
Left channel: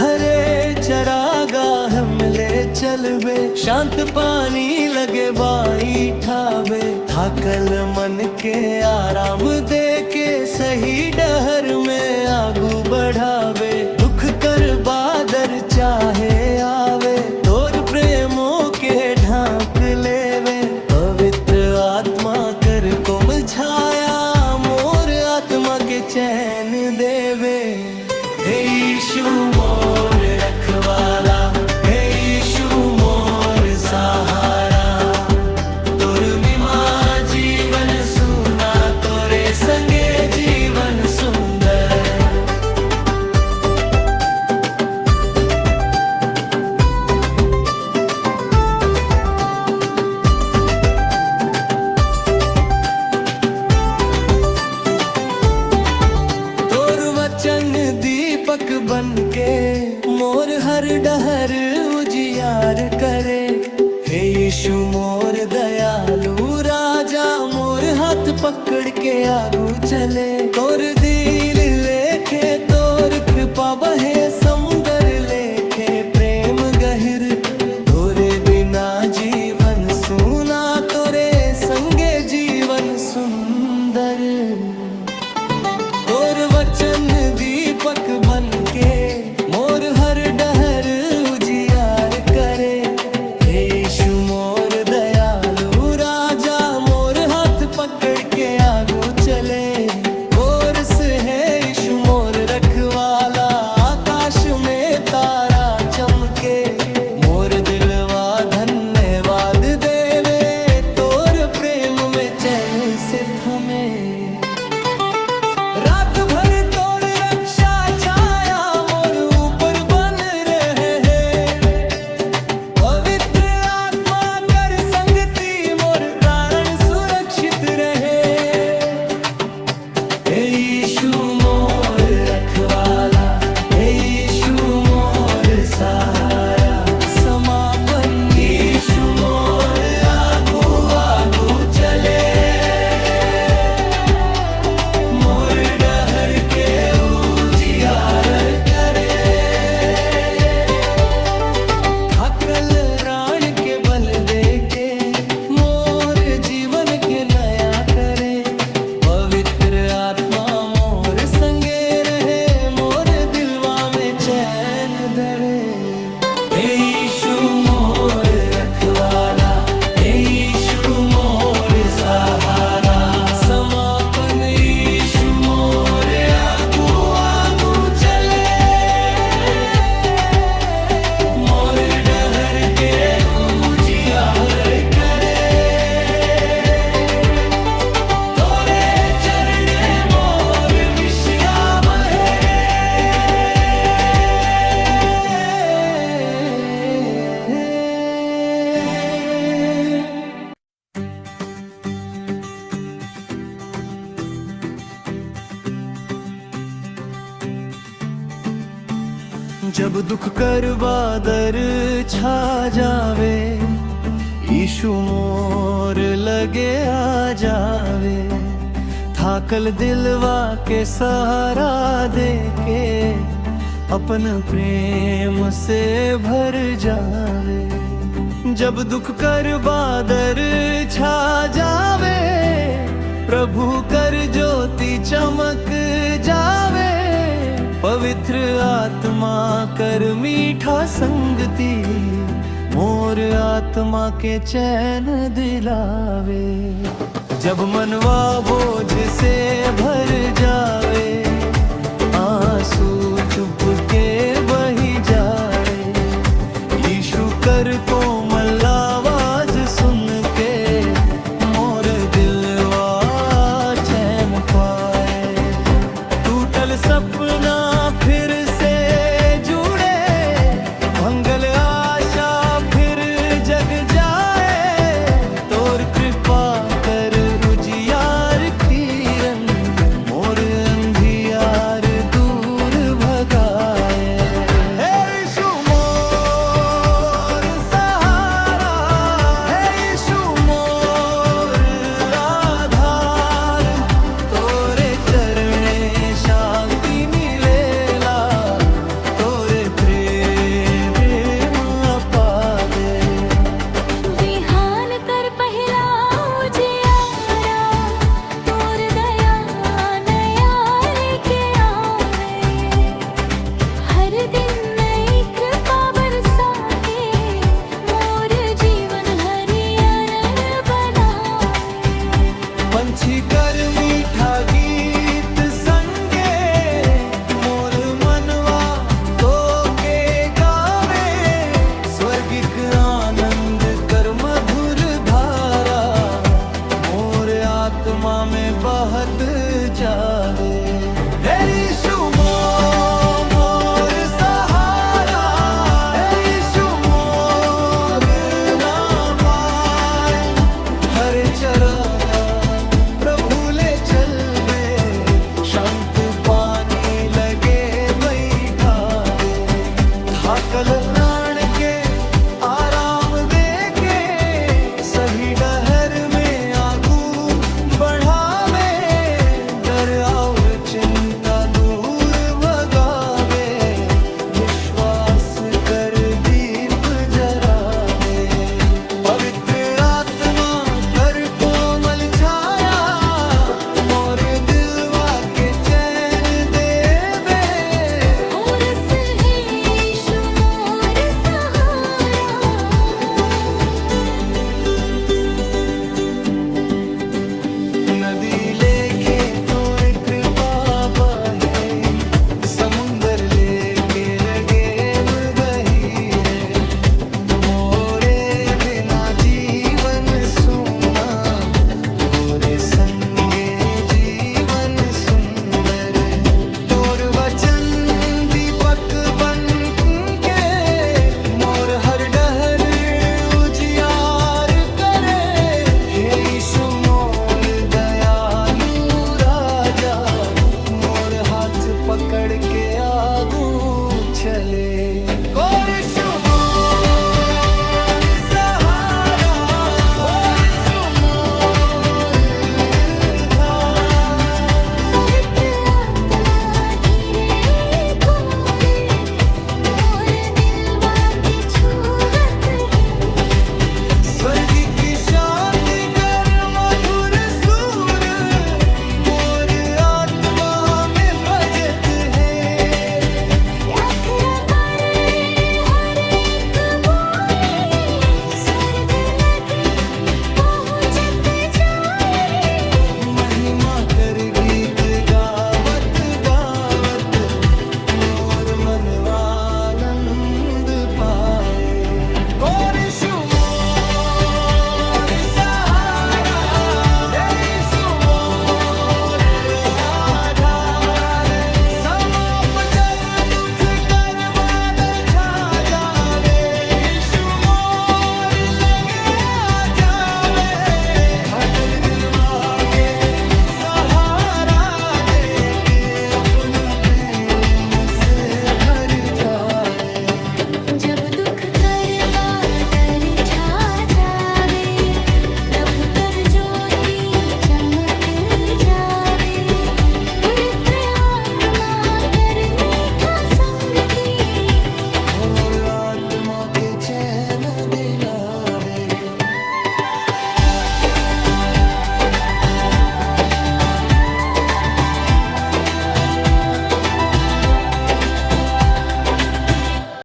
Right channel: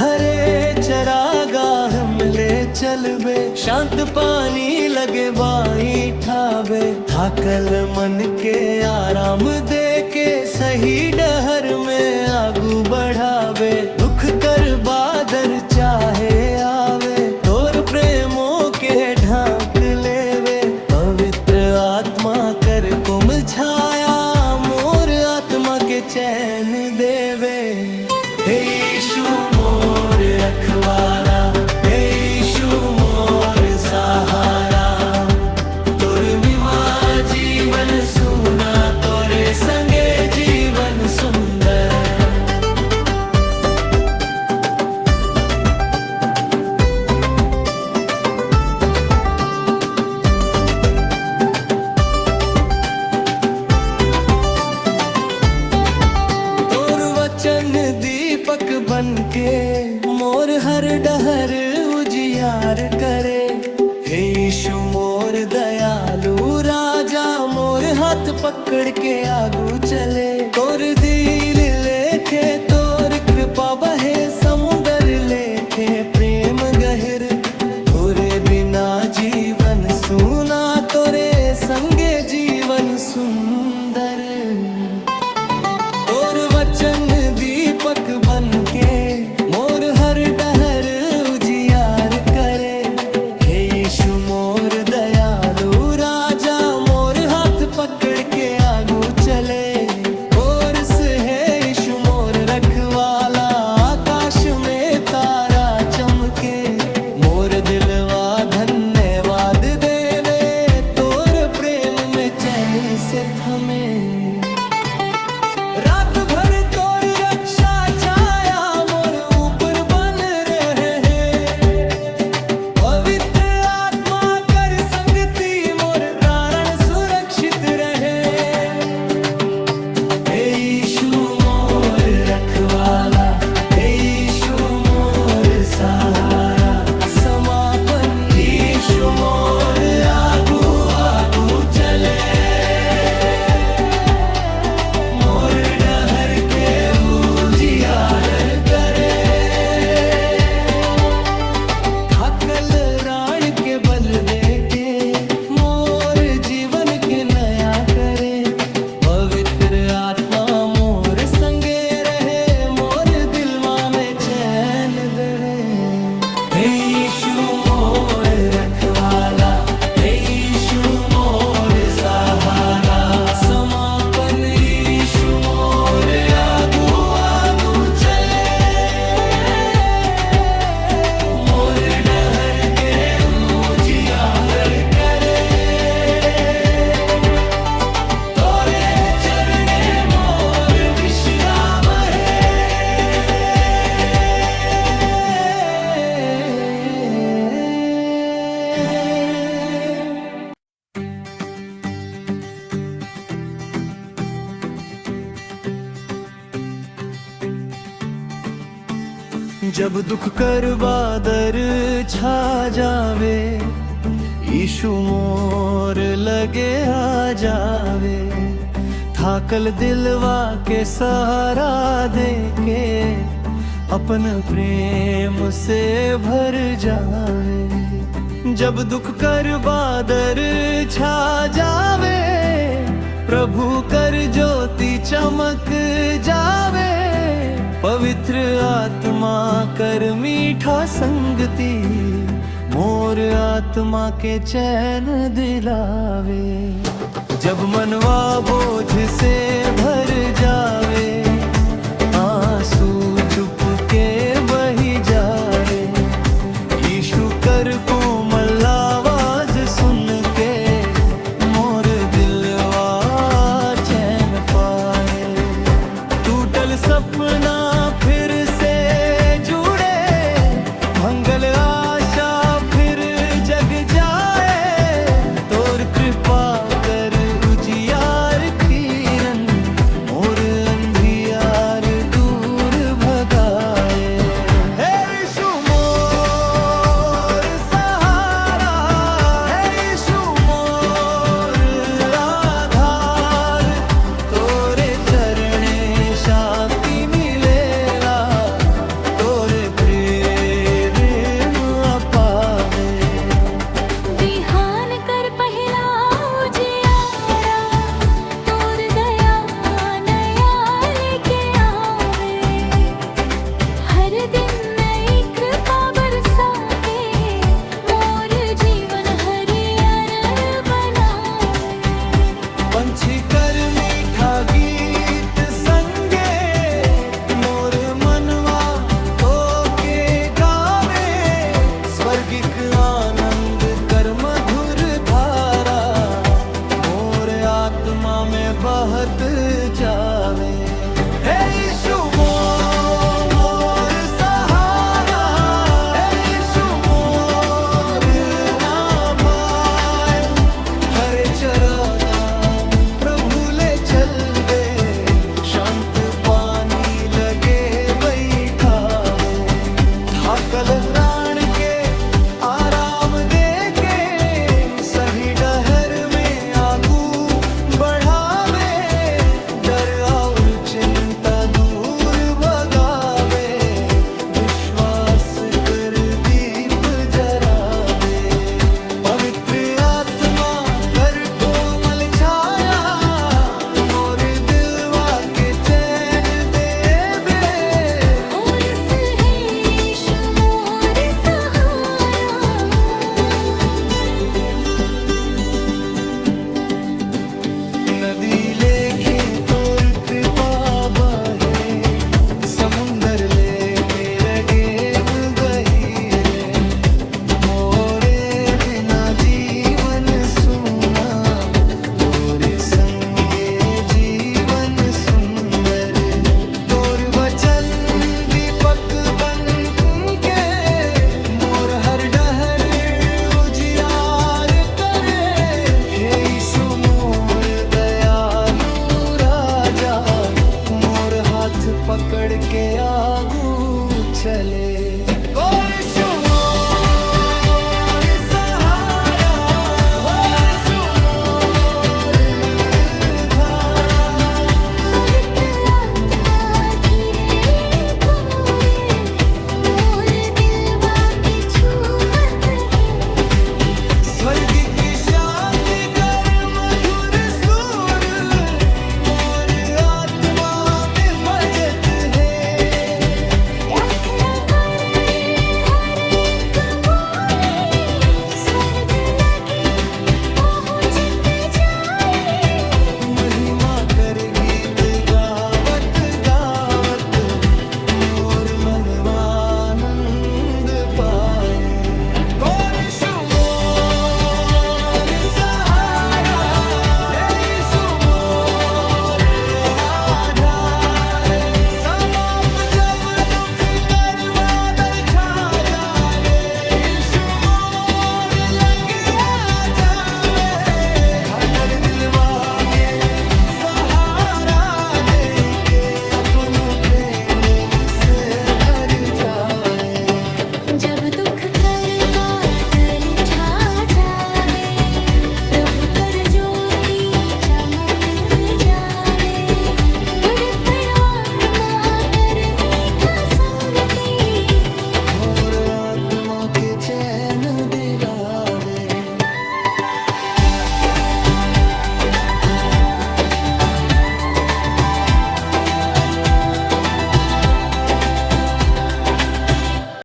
हरे चरागाह मिले चलबे, शांत पानी लगे बाई ठाबे। थाकल मन के आराम दे के सही डहर में आगू बढ़ावे। दुख कर बादर चाहे आवे, तोर प्रेमों के ढांक लेवे। पवित्र आत्मा कर कोमल छाया मोर आत्मा के चैन देवे। हे यीशु मोर रखवाला, हे यीशु मोर सहारा। तोर बिना जीवन सुना, तोरे संगे जीवन सुंदर। दीपक बनके मोर हर डहर उजियार करे। हे यीशु मोर दयालु राजा, मोर हाथ पकड़ के आगू चले। तोर दिल लेखे तोर कृपा बहे समुंदर लेखे प्रेम गहिर। तोरे बिना जीवन सुना, तोरे संगे जीवन सुंदर। तोर वचन दीपक बनके मोर हर डहर उजियार करे। हे यीशु मोर दयालु राजा, मोर हाथ पकड़ के आगू चले। कोरस है यीशु मोर रखवाला, आकाश में तारा चमके। मोर दिलवा धन्यवाद देवे, तोर प्रेम में चैन से थमे। रात भर तोर रक्षा छाया मोर ऊपर बन रहे हैं। पवित्र आत्मा कर संगति मोर प्राण सुरक्षित रहे। हे यीशु मोर रखवाला, हे यीशु मोर सहारा। समापन यीशु मोर आगू आगू चले। बल देके मोर जीवन के नया करे। पवित्र आत्मा मोर संगे रहे, मोर दिलवा में चैन देवे। हे यीशु मोर रखवाला, हे यीशु मोर सहारा। समापन यीशु मोर आगू आगू चले। मोर डहर के जब दुख कर बादर छा जावे, यीशु मोर लगे आ जावे। थाकल दिलवा के सहारा देके अपन प्रेम से भर जावे। जब दुख कर बादर छा जावे, प्रभु कर ज्योति चमक जावे। पवित्र आत्मा कर मीठा संगति, मोर आत्मा के चैन दिलावे। जब मनवा बोझ से भर जावे, आंसू चुप के बही जाए। यीशु कर कोमल आवाज सुन के मोर दिलवा चैन पाए। टूटल सपना फिर से जुड़े, भंगल आशा फिर जग जाए। तोर कृपा कर उजियार किरण, मोर अंधियार दूर भगाए। हे यीशु मोर सहारा, हे यीशु मोर आधार। तोरे चरणे शांति मिलेला, तोरे प्रेम अपावे। बिहान कर पहला उजियारा, तोर दया नया लेके आवे। हर दिन नई कृपा बरसा के मोर जीवन हरियर बनावे। पंछी कर मीठा गीत संगे, मोर मनवा तो के गावे। स्वर्गिक आनंद कर मधुर धारा, मोर आत्मा में बहत जावे। हे यीशु मोर सहारा, हे यीशु मोर ना पाए। हरे चराना प्रभु ले चलवे, शांत पानी लगे बैठ नदी लेके तोर कृपा बहे, समुंदर लेके रगेम गहीरे, मोरे बिना जीवन सूना, तोरे संगे जीवन सुंदर। तोर वचन दीपक बन के मोर हर डहर उजियार करे। हे यीशु मोर दयालु राजा, मोर हाथ पकड़ के आगू चले। और यीशु मोर सहारा, और यीशु मोर धारा। पवित्र आत्मा धीरे तुम्हारे, मोर दिलवा के छुवत है। स्वर्ग की शांति कर मधुर सुर, मोर आत्मा में बजत है। प्रार्थना करे हर एक बोले, स्वर्ग लगे पहुँचत जाए। महिमा कर गीत गावत गावत, मोर मनवानंद पाए। और यीशु मोर सहारा, हे यीशु मोर आधार। समाप जब दुख कर बादल छा जावे, यीशु मोर लगे आ जावे। थकल दिलवा के सहारा दे के, अपना प्रेम से भर जावे। जब दुख कर बादल छा जावे, प्रभु कर ज्योति चमक जावे। पुरत आत्मा कर मीठा संगति, मोर आत्मा के चैन